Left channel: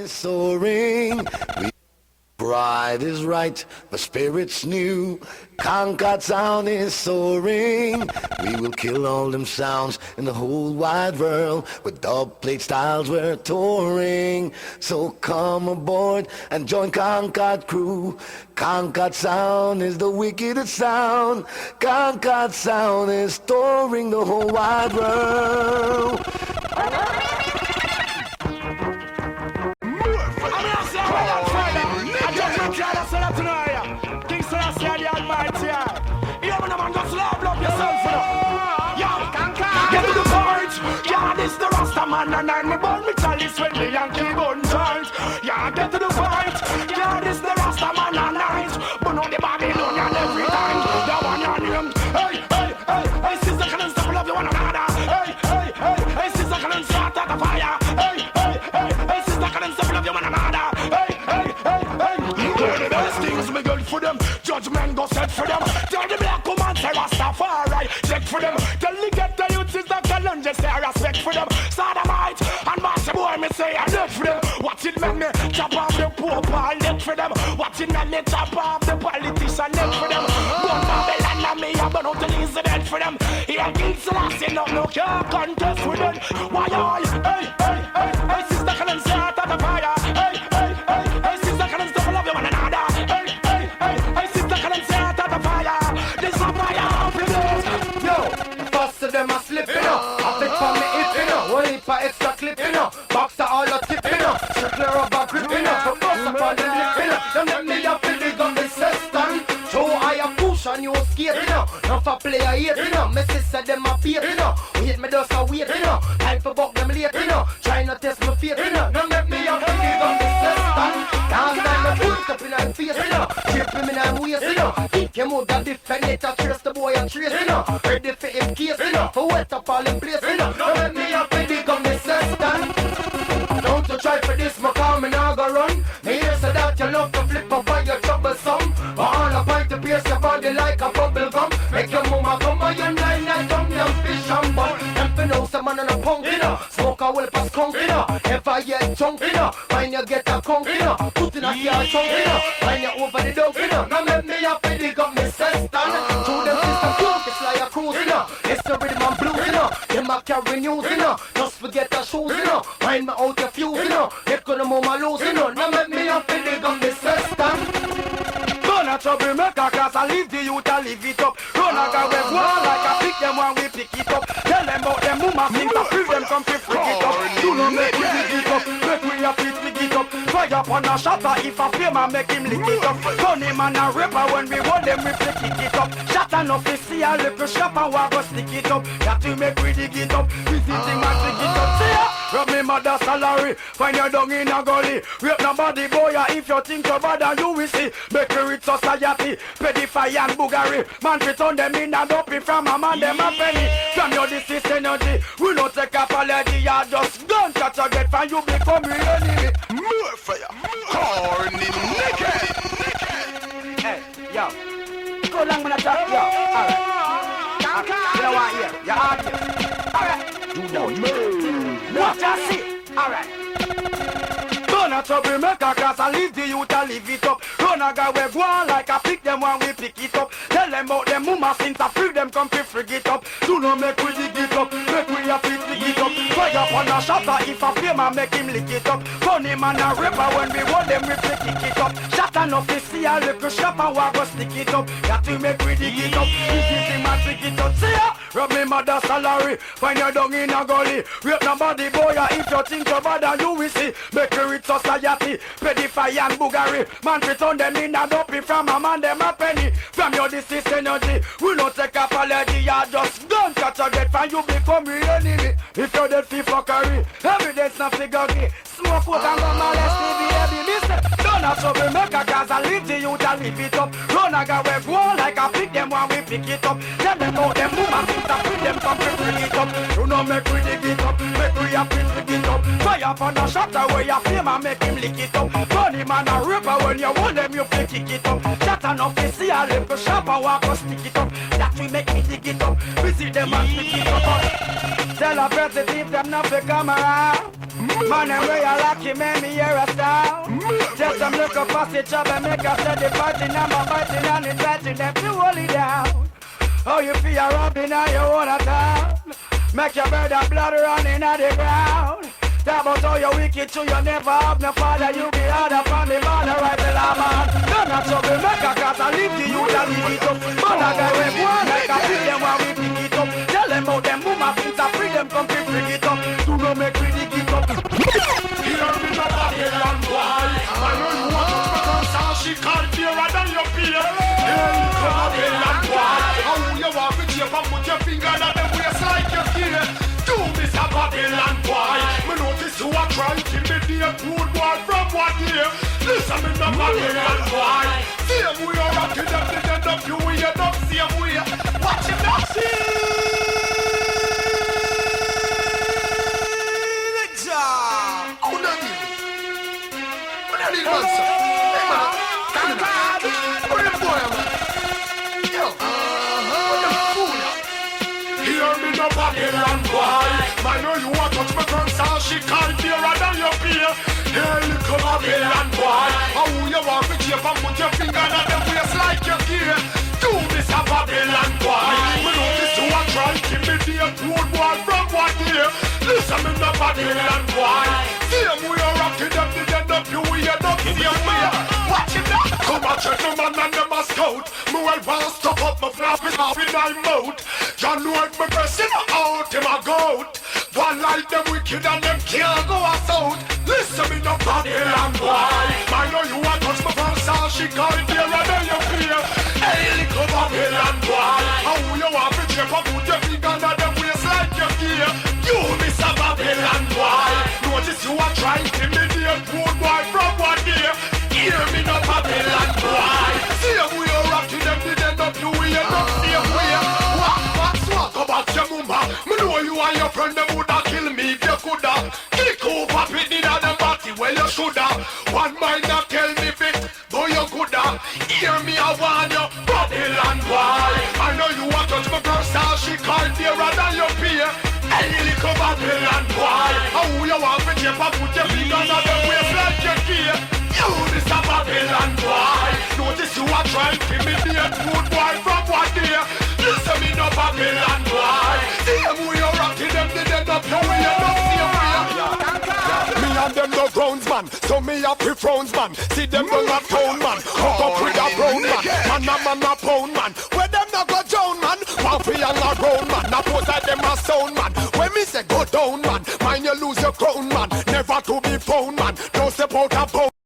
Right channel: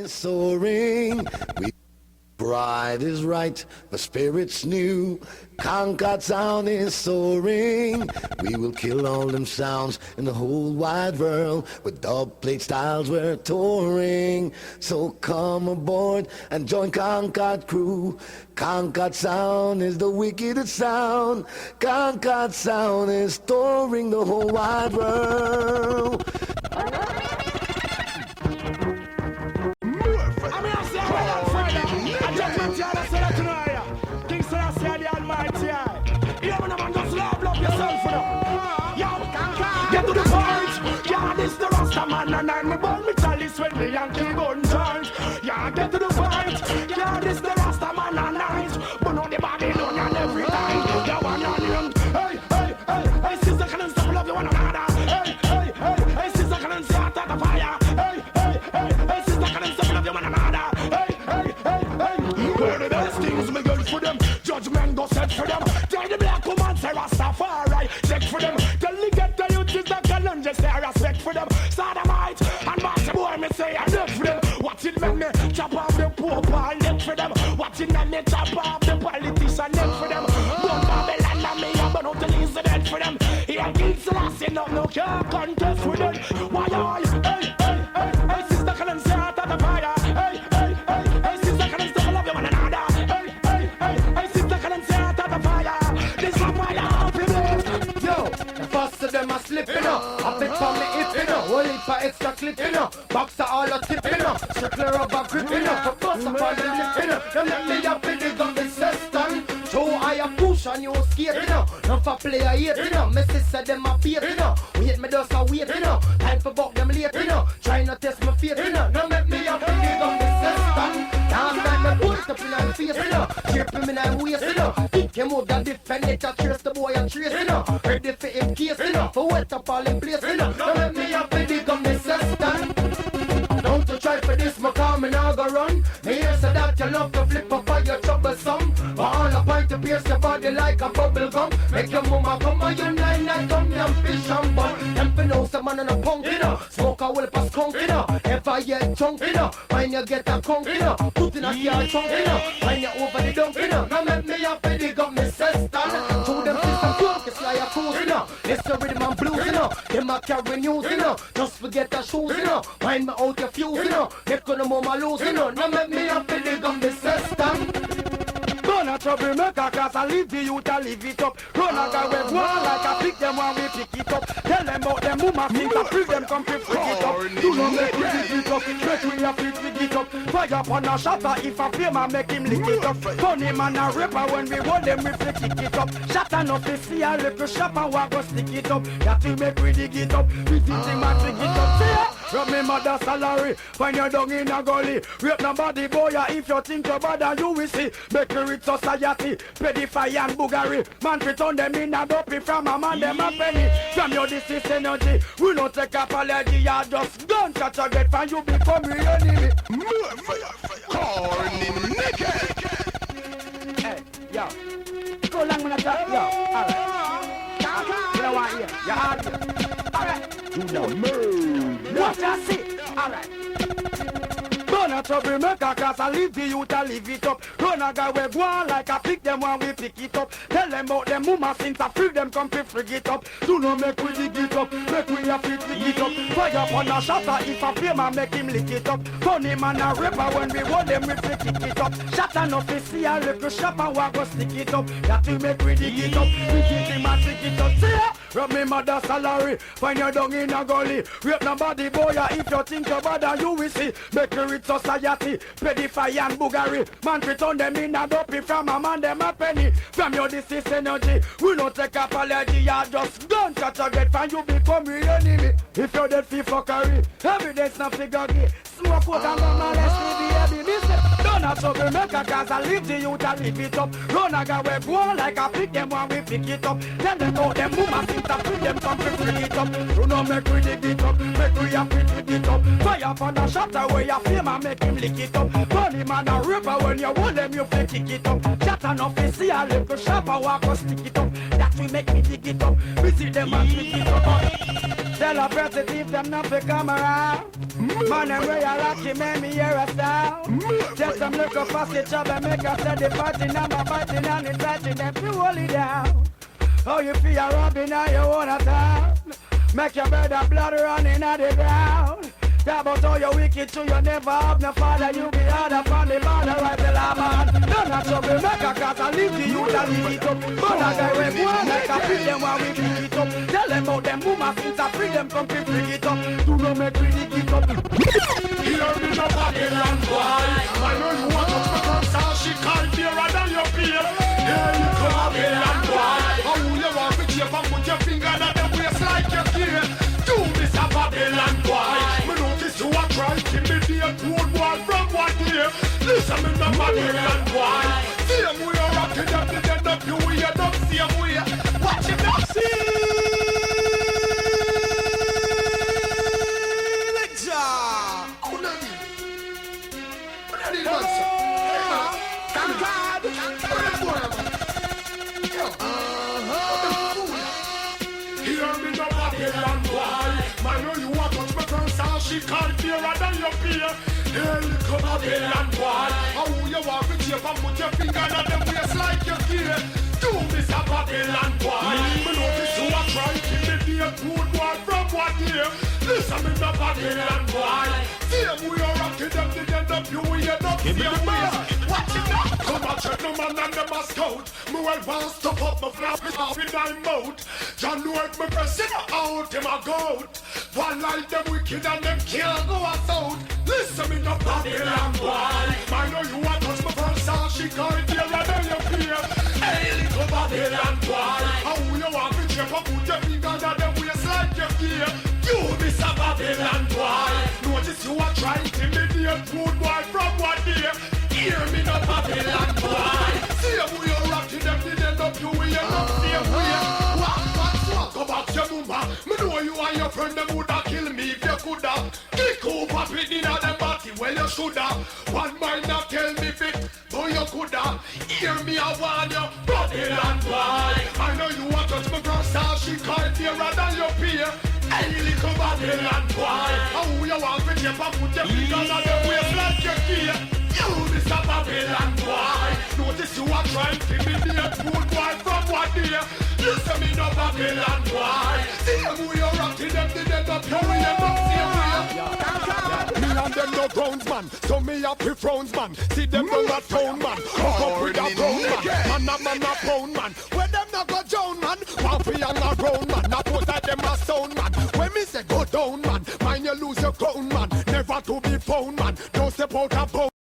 is soaring. Pride is right, the spirit's new. Concord sound is soaring. We will kill all them sounds in the whole wide world. With dub plate styles we're touring. So come aboard and join Concord crew. Concord sound is the wickedest sound. Concord sound is touring the whole wide world. Get to the point, yeah, this the Rasta man and I'm born with chalice when the Yankee gun joint. Yeah, get to the point, yeah, this the Rasta man and I'm but on the Babylonian every time. Yeah, one on him, hey, sister, can you stop love you one another? Hey, sister, can you start at the fire? Hey, sister, can you stop love you one another? Hey, the best things me good for them, judgment go set for them. Tell the black woman say Rastafari, check for them. Tell the ghetto youth is the challenges, say respect for them. Sodomite and master boy me say I love for them. Watch it make me chop off the poor and neck for them. Watch it make me chop off the politician neck for them. One Babylon and me I'm gonna release the dead for them. Here King Selassie no can't contest with them. Why all, hey, sister can you start at the fire? Hey, sister can you stop love you one another? Hey, sister can you start at the fire? This is a fire, please. Yo, first of them are slipping up. I fit for me if you know. One heap of extra clipping up. Boxer all a tipping up. Strictly rubber gripping up. For bust up all the lipping up. Don't let me up in the gun system. Show I a push and you skating up. Not for player hating up. My sister them a baiting up. Wait me just a waiting up. Time for buck them lating up. Try not test my faith up. Don't let me up in the gun system. Last time I put it up in her face Tripping me I'm wasting up. Kick him out and defend it. I trace the boy and tracing up. Ready for him casing up. For wet up all in place Don't let me up in the gun system. Don't you try for this, my car, me now go run. Me hear say that you love to flip up on your troublesome. But all a point to pierce your body like a bubble gum. Make your mama come on your nine and come down fish and bun. Them for know some man on a punk, Smoke a will pass skunk, If I get chunk, When you get a conk, Put in a car chunk, When you over the dunk, Now make me up in the gun, me sister. To them system cloak, it's like a cruise, It's the rhythm and blues, Them a carry news, Just forget the shoes, Find me out your fuse, Make on the mama lose, Now make me up in the gun, me sister. Gonna trouble maker cause I leave the youth I leave it up. Run a guy with one like I pick them when we pick it up. Tell them about them mama things I free them come to freak it up. Do not make we dig it up, make we a fit we get up. Fire upon a shatter if a flame and make him lick it up. Funny man a rapper when we hold them we flick it up. Shatter enough to see a little shop and we go stick it up. That we make we dig it up, visiting man pick it up. See ya, rub me mother salary, find your dung in a gully. Rape nobody boy if you think you're bad and you will see. Make you rich society, pedify and buggery. Man fit on them in a dopey from a man them a penny. From your disease energy, we don't take apology. You just don't catch a get from you become real enemy. More fire, corny naked. Hey, yo, go long when I talk, yo. Alright, you know what here? You're hard here. Alright, you know move. What I see? Alright. Don't a trouble maker cause I leave the youth I leave it up. Run a guy we go on like I pick them when we pick it up. Tell them about them mama since I free them come to frig it up. Do not make we dig it up, make we a fit dig it up. Fire upon a shatter if a flame and make him lick it up. Funny man a rapper when we hold them we flick it up. Shatter enough to see a little shop and we go stick it up. That we make we dig it up, this is the man trick it up. See ya, rub me mother salary, find your dung in a gully. Rape nobody boy if you think you're bad and you will see. Make you rich society, pedify and buggery. Man fit on them in a dopey from a man them a penny. From your disease energy, we don't take apology. You just don't catch a get from you become real enemy. If you're dead for fuckery, evidence not figure. Smoke out and go molest baby, miss. Don't a trouble maker cause I leave the youth I leave it up. Run a guy we go on like I pick them when we pick it up. Tell them about them woman things I free them come to bring it up. Do not make we dig it up, make we a fit we get up. Fire upon the shatter where you flame and make him lick it up. Funny man a rapper when you hold them you feel kick it up. That enough to see a little shop and walk and stick it up. That we make me dig it up, visit them and pick it up. Tell a person if them not fi come around. Man them where you lucky man me hear a them look up past the trouble, make a steady fighting, I'm a biting and it's fighting them to hold it down. Oh, you feel a rubbing on your own town. Make your bird of blood running on the ground. Talk about how you wicked too, you never have no father. You be hard up on the border, right till I'm on. None of trouble, make a cat and leave the youth and leave it up. But a guy we go on like a pick them while we pick it up. Tell them about them boomer things and free them come to bring it up. Do not make me dig it up. Here me no Babylon boy. I know you want to become star, she can't be rather your peer. Here you come Babylon boy. How you want to keep and put your finger at the waist like your gear. Do this a Babylon boy. Me notice you are trying to imitate road boy from what year. Listen me no Babylon boy. Same way you're rocking them, they end up you way, end up same way. Watch him now, see. Hello, Concord. Hear me no Babylon boy. I know you want to become star, she can't be rather your peer. Here you come Babylon boy. How you want to keep and put your finger on the face like your gear. Do this a Babylon boy. We know this you are trying to imitate road boy from what year. Listen me no Babylon boy. Same way you're rocking them, they end up you way, end up Give me the bar. watch it now. Come on, check them and then them a scout. Me well pass top up my flap in half in my mouth. John Lord me person out in a goat. One like them wicked and them can't go a sound. Listen me no Babylon boy. I know you want touch my from sound. She can't hear and then you fear. Hey, come Babylon boy. How you want to check up put your finger on them waist like your fear. You miss a Babylon boy. Notice you are trying to imitate good boy from one year. Hear me no Babylon boy. See them we are rocking them, they end up you way, end up same way. What's what about your mumba? Me know you and your friend them woulda kill me if you coulda. Kick over with the other party where you shoulda. One mind that tell me fit, though you coulda. Hear me I want you, Babylon boy. I know you want touch my girl star, she can't hear than your peer. Hey, little Babylon boy. How you want me to put your finger on the waist like your fear? You this a Babylon boy. Notice you are trying to imitate good boy from one year. Listen me no Babylon boy. See them we are rocking them, they end up you way, end up same way. Me and them no grounds man, so me a pre-frowns man. See them no a phone man, Corny naked. and a man a pound man. Where them no go down man, Puffy and a round man. Now both of them a sound man. When me say go down man, mind you lose your crown man. Never to be found man, don't step out a pound.